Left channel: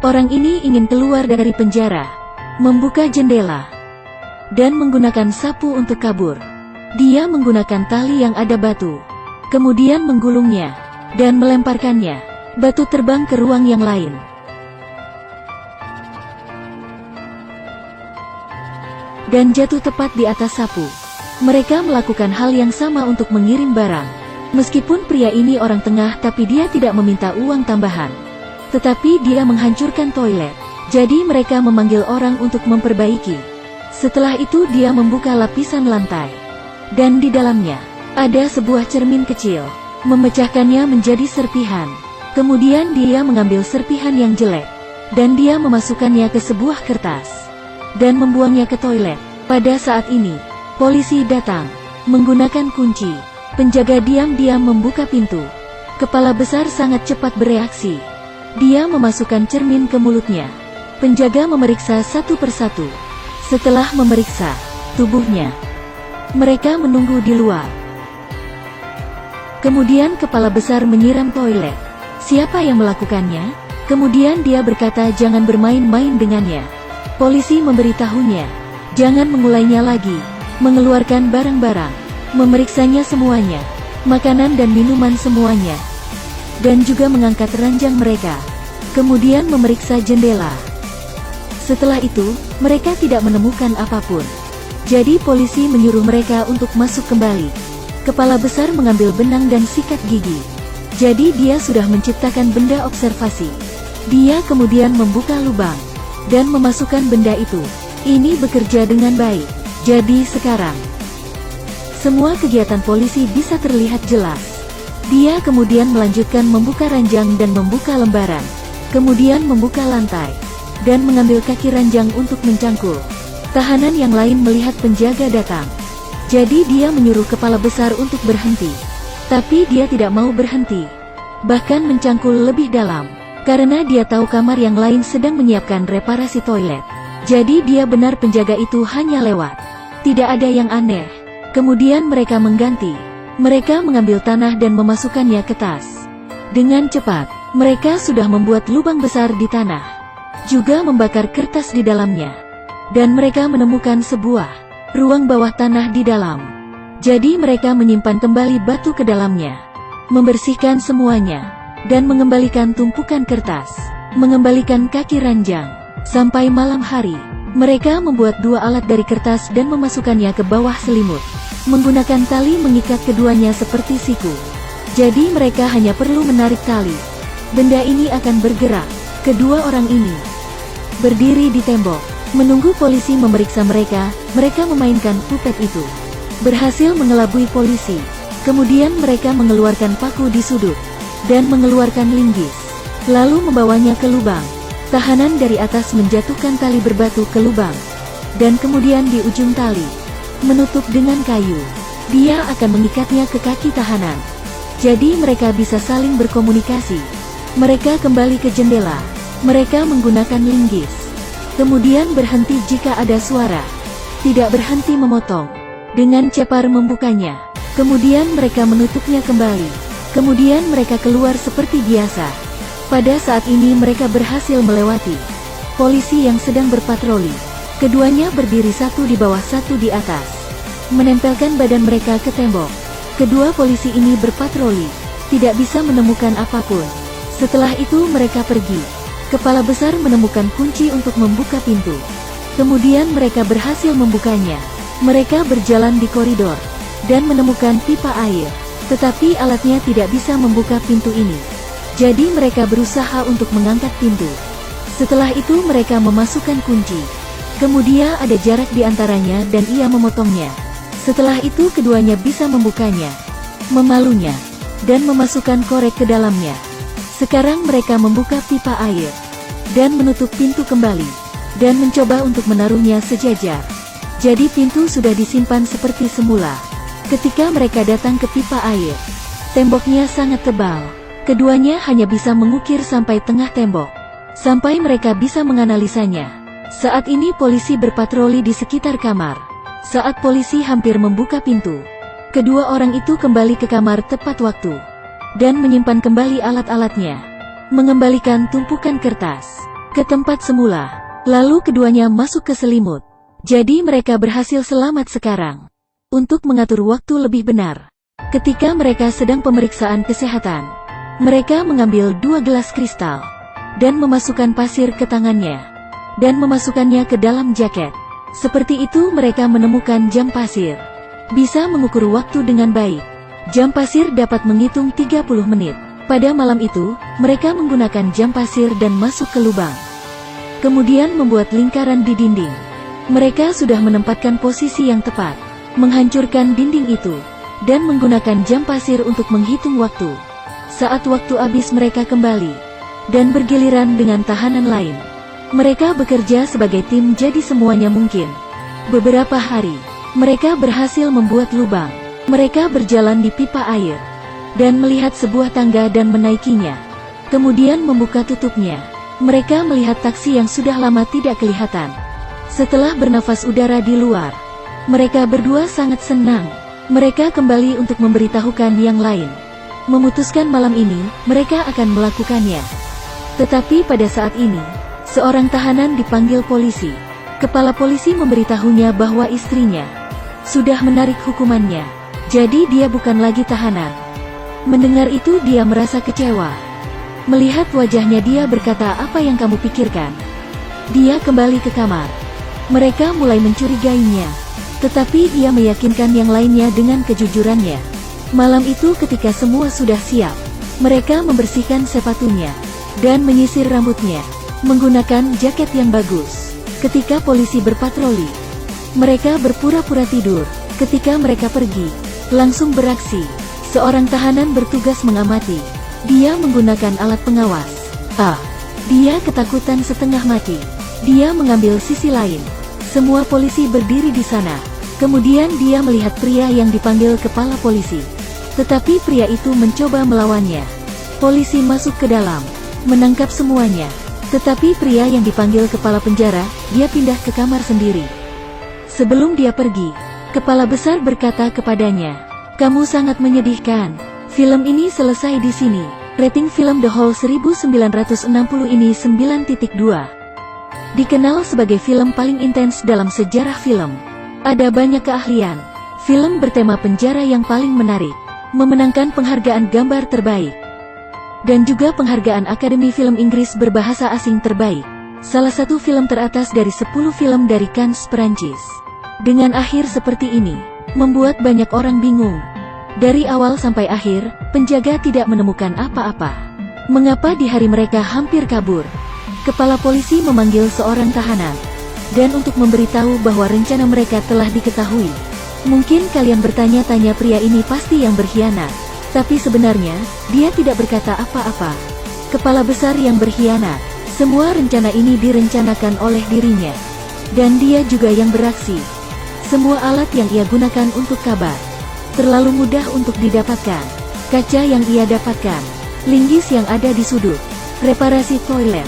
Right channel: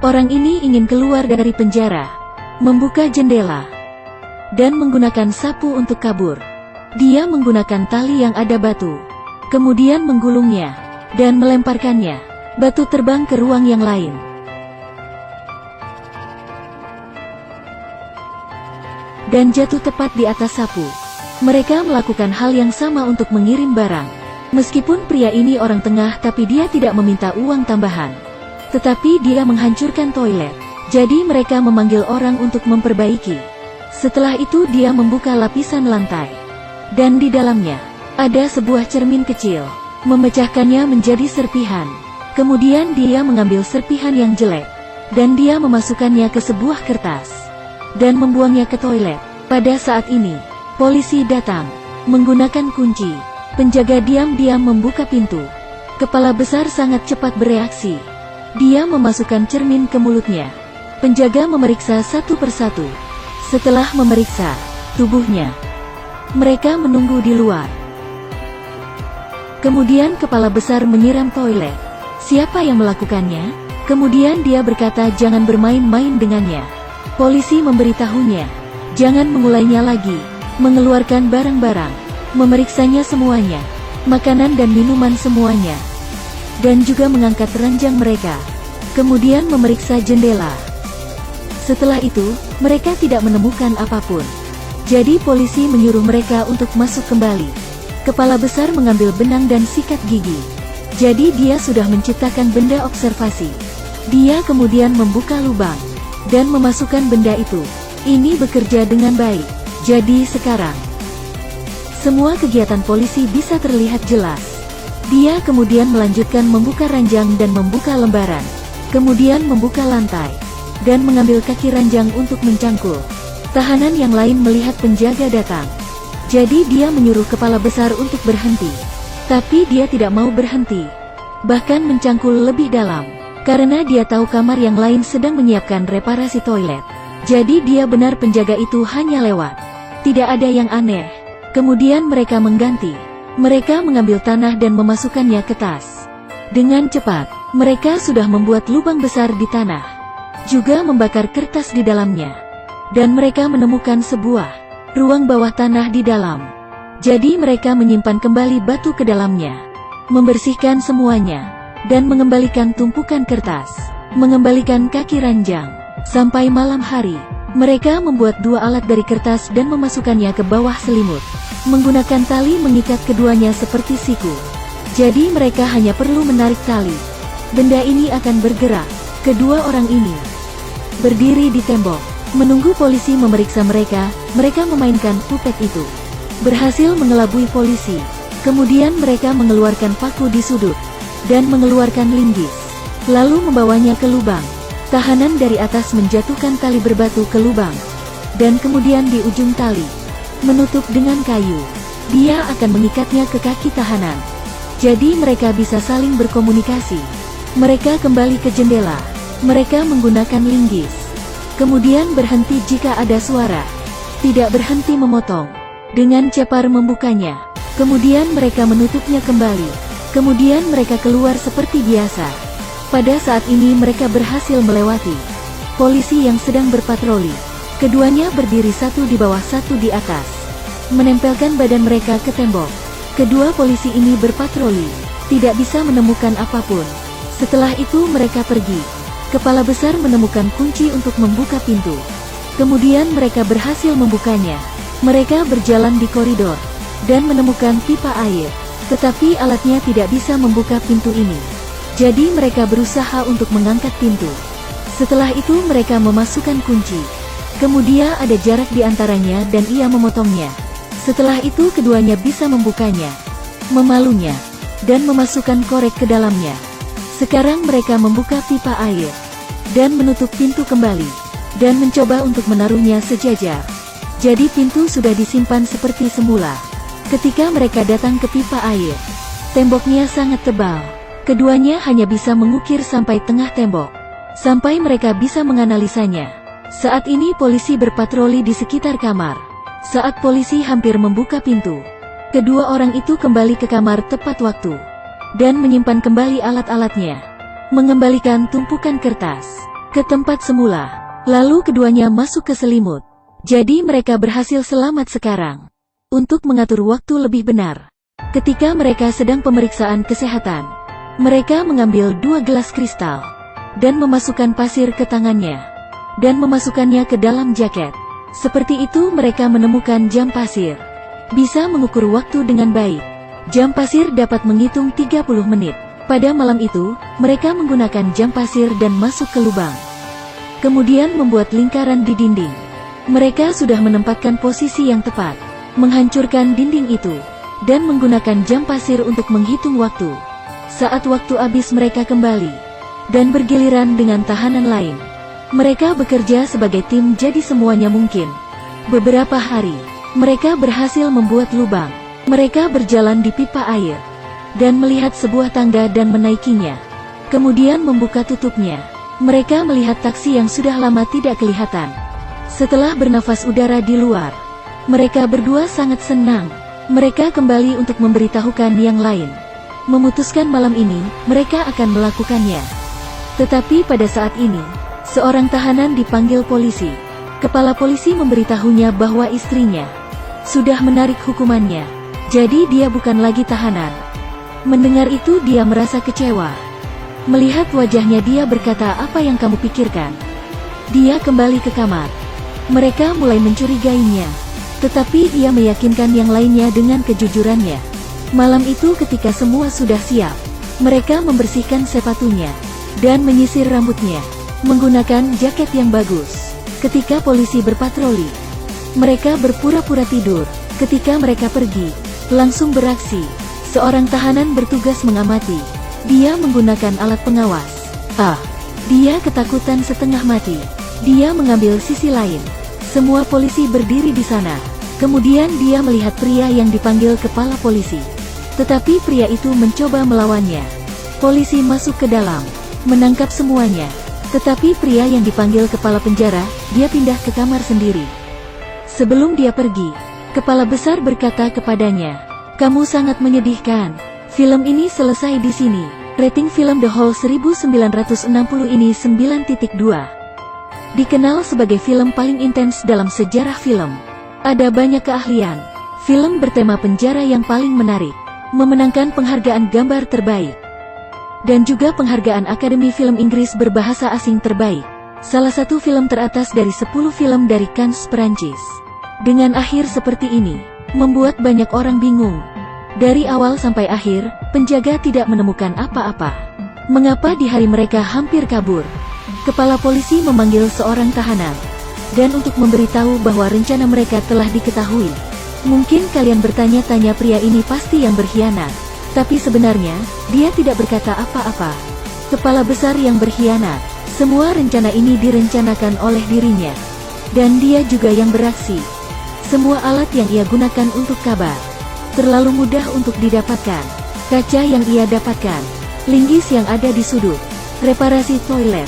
Orang ini ingin keluar dari penjara, membuka jendela, dan menggunakan sapu untuk kabur. Dia menggunakan tali yang ada batu, kemudian menggulungnya, dan melemparkannya. Batu terbang ke ruang yang lain. Dan jatuh tepat di atas sapu. Mereka melakukan hal yang sama untuk mengirim barang. Meskipun pria ini orang tengah, tapi dia tidak meminta uang tambahan. Tetapi dia menghancurkan toilet. Jadi mereka memanggil orang untuk memperbaiki. Setelah itu dia membuka lapisan lantai. Dan di dalamnya, ada sebuah cermin kecil. Memecahkannya menjadi serpihan. Kemudian dia mengambil serpihan yang jelek. Dan dia memasukkannya ke sebuah kertas. Dan membuangnya ke toilet. Pada saat ini, polisi datang, menggunakan kunci. Penjaga diam-diam membuka pintu. Kepala besar sangat cepat bereaksi. Dia memasukkan cermin ke mulutnya. Penjaga memeriksa satu persatu. Setelah memeriksa tubuhnya, mereka menunggu di luar. Kemudian kepala besar menyiram toilet. Siapa yang melakukannya? Kemudian dia berkata jangan bermain-main dengannya. Polisi memberitahunya, jangan mengulainya lagi, mengeluarkan barang-barang, memeriksanya semuanya, makanan dan minuman semuanya, dan juga mengangkat ranjang mereka, kemudian memeriksa jendela. Setelah itu, mereka tidak menemukan apapun. Jadi polisi menyuruh mereka untuk masuk kembali. Kepala besar mengambil benang dan sikat gigi. Jadi dia sudah menciptakan benda observasi. Dia kemudian membuka lubang dan memasukkan benda itu. Ini bekerja dengan baik. Jadi sekarang, semua kegiatan polisi bisa terlihat jelas. Dia kemudian melanjutkan membuka ranjang dan membuka lembaran. Kemudian membuka lantai, dan mengambil kaki ranjang untuk mencangkul. Tahanan yang lain melihat penjaga datang. Jadi dia menyuruh kepala besar untuk berhenti. Tapi dia tidak mau berhenti. Bahkan mencangkul lebih dalam. Karena dia tahu kamar yang lain sedang menyiapkan reparasi toilet. Jadi dia benar penjaga itu hanya lewat. Tidak ada yang aneh. Kemudian mereka mengganti. Mereka mengambil tanah dan memasukkannya ke tas. Dengan cepat, mereka sudah membuat lubang besar di tanah. Juga membakar kertas di dalamnya. Dan mereka menemukan sebuah ruang bawah tanah di dalam. Jadi mereka menyimpan kembali batu ke dalamnya. Membersihkan semuanya. Dan mengembalikan tumpukan kertas, mengembalikan kaki ranjang. Sampai malam hari, mereka membuat dua alat dari kertas dan memasukkannya ke bawah selimut. Menggunakan tali mengikat keduanya seperti siku. Jadi mereka hanya perlu menarik tali. Benda ini akan bergerak. Kedua orang ini berdiri di tenda, menunggu polisi memeriksa mereka. Mereka memainkan puppet itu. Berhasil mengelabui polisi. Kemudian mereka mengeluarkan paku di sudut dan mengeluarkan linggis, lalu membawanya ke lubang. Tahanan dari atas menjatuhkan tali berbatu ke lubang, dan kemudian di ujung tali, menutup dengan kayu. Dia akan mengikatnya ke kaki tahanan. Jadi mereka bisa saling berkomunikasi. Mereka kembali ke jendela. Mereka menggunakan linggis. Kemudian berhenti jika ada suara. Tidak berhenti memotong. Dengan cepat membukanya. Kemudian mereka menutupnya kembali. Kemudian mereka keluar seperti biasa. Pada saat ini mereka berhasil melewati polisi yang sedang berpatroli. Keduanya berdiri satu di bawah satu di atas, menempelkan badan mereka ke tembok. Kedua polisi ini berpatroli, tidak bisa menemukan apapun. Setelah itu mereka pergi. Kepala besar menemukan kunci untuk membuka pintu. Kemudian mereka berhasil membukanya. Mereka berjalan di koridor dan menemukan pipa air. Tetapi alatnya tidak bisa membuka pintu ini. Jadi mereka berusaha untuk mengangkat pintu. Setelah itu mereka memasukkan kunci. Kemudian ada jarak di antaranya dan ia memotongnya. Setelah itu keduanya bisa membukanya, memalunya, dan memasukkan korek ke dalamnya. Sekarang mereka membuka pipa air dan menutup pintu kembali dan mencoba untuk menaruhnya sejajar. Jadi pintu sudah disimpan seperti semula. Ketika mereka datang ke pipa air, temboknya sangat tebal. Keduanya hanya bisa mengukir sampai tengah tembok, sampai mereka bisa menganalisanya. Saat ini polisi berpatroli di sekitar kamar. Saat polisi hampir membuka pintu, kedua orang itu kembali ke kamar tepat waktu, dan menyimpan kembali alat-alatnya, mengembalikan tumpukan kertas, ke tempat semula. Lalu keduanya masuk ke selimut. Jadi mereka berhasil selamat sekarang. Untuk mengatur waktu lebih benar, ketika mereka sedang pemeriksaan kesehatan, mereka mengambil 2 gelas kristal dan memasukkan pasir ke tangannya dan memasukkannya ke dalam jaket. Seperti itu mereka menemukan jam pasir. Bisa mengukur waktu dengan baik. Jam pasir dapat menghitung 30 menit. Pada malam itu, mereka menggunakan jam pasir dan masuk ke lubang. Kemudian membuat lingkaran di dinding. Mereka sudah menempatkan posisi yang tepat, menghancurkan dinding itu, dan menggunakan jam pasir untuk menghitung waktu. Saat waktu habis mereka kembali, dan bergiliran dengan tahanan lain. Mereka bekerja sebagai tim jadi semuanya mungkin. Beberapa hari, mereka berhasil membuat lubang. Mereka berjalan di pipa air, dan melihat sebuah tangga dan menaikinya. Kemudian membuka tutupnya. Mereka melihat taksi yang sudah lama tidak kelihatan. Setelah bernafas udara di luar, mereka berdua sangat senang. Mereka kembali untuk memberitahukan yang lain. Memutuskan malam ini, mereka akan melakukannya. Tetapi pada saat ini, seorang tahanan dipanggil polisi. Kepala polisi memberitahunya bahwa istrinya sudah menarik hukumannya. Jadi dia bukan lagi tahanan. Mendengar itu dia merasa kecewa. Melihat wajahnya dia berkata, "Apa yang kamu pikirkan?" Dia kembali ke kamar. Mereka mulai mencurigainya. Tetapi dia meyakinkan yang lainnya dengan kejujurannya. Malam itu ketika semua sudah siap, mereka membersihkan sepatunya dan menyisir rambutnya menggunakan jaket yang bagus. Ketika polisi berpatroli, mereka berpura-pura tidur. Ketika mereka pergi, langsung beraksi. Seorang tahanan bertugas mengamati. Dia menggunakan alat pengawas. Dia ketakutan setengah mati. Dia mengambil sisi lain. Semua polisi berdiri di sana. Kemudian dia melihat pria yang dipanggil kepala polisi. Tetapi pria itu mencoba melawannya. Polisi masuk ke dalam, menangkap semuanya. Tetapi pria yang dipanggil kepala penjara, dia pindah ke kamar sendiri. Sebelum dia pergi, kepala besar berkata kepadanya, "Kamu sangat menyedihkan. Film ini selesai di sini." Rating film The Hole 1960 ini 9.2. Dikenal sebagai film paling intens dalam sejarah film. Ada banyak keahlian. Film bertema penjara yang paling menarik. Memenangkan penghargaan gambar terbaik. Dan juga penghargaan Akademi Film Inggris berbahasa asing terbaik. Salah satu film teratas dari 10 film dari Cannes, Perancis. Dengan akhir seperti ini, membuat banyak orang bingung. Dari awal sampai akhir, penjaga tidak menemukan apa-apa. Mengapa di hari mereka hampir kabur? Kepala polisi memanggil seorang tahanan, dan untuk memberitahu bahwa rencana mereka telah diketahui. Mungkin kalian bertanya-tanya, pria ini pasti yang berkhianat. Tapi sebenarnya, dia tidak berkata apa-apa. Kepala besar yang berkhianat. Semua rencana ini direncanakan oleh dirinya. Dan dia juga yang beraksi. Semua alat yang ia gunakan untuk kabar terlalu mudah untuk didapatkan. Kaca yang ia dapatkan, linggis yang ada di sudut, reparasi toilet.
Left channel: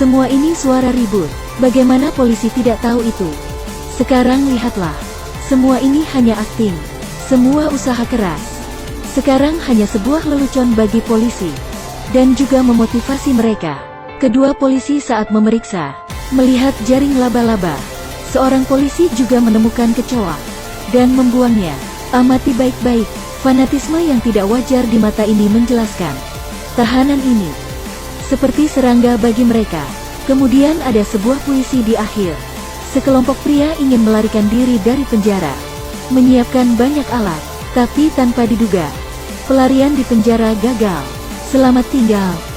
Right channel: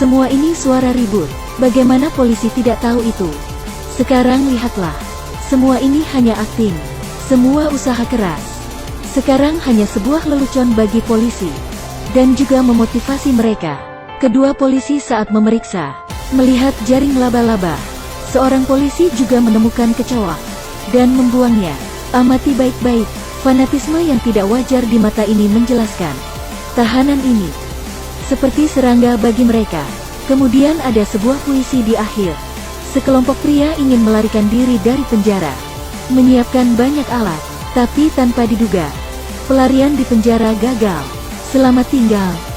Semua ini suara ribut. Bagaimana polisi tidak tahu itu? Sekarang lihatlah. Semua ini hanya akting. Semua usaha keras. Sekarang hanya sebuah lelucon bagi polisi. Dan juga memotivasi mereka. Kedua polisi saat memeriksa, melihat jaring laba-laba. Seorang polisi juga menemukan kecoa dan membuangnya. Amati baik-baik. Fanatisme yang tidak wajar di mata ini menjelaskan. Tahanan ini seperti serangga bagi mereka. Kemudian ada sebuah puisi di akhir. Sekelompok pria ingin melarikan diri dari penjara. Menyiapkan banyak alat, tapi tanpa diduga, pelarian di penjara gagal. Selamat tinggal.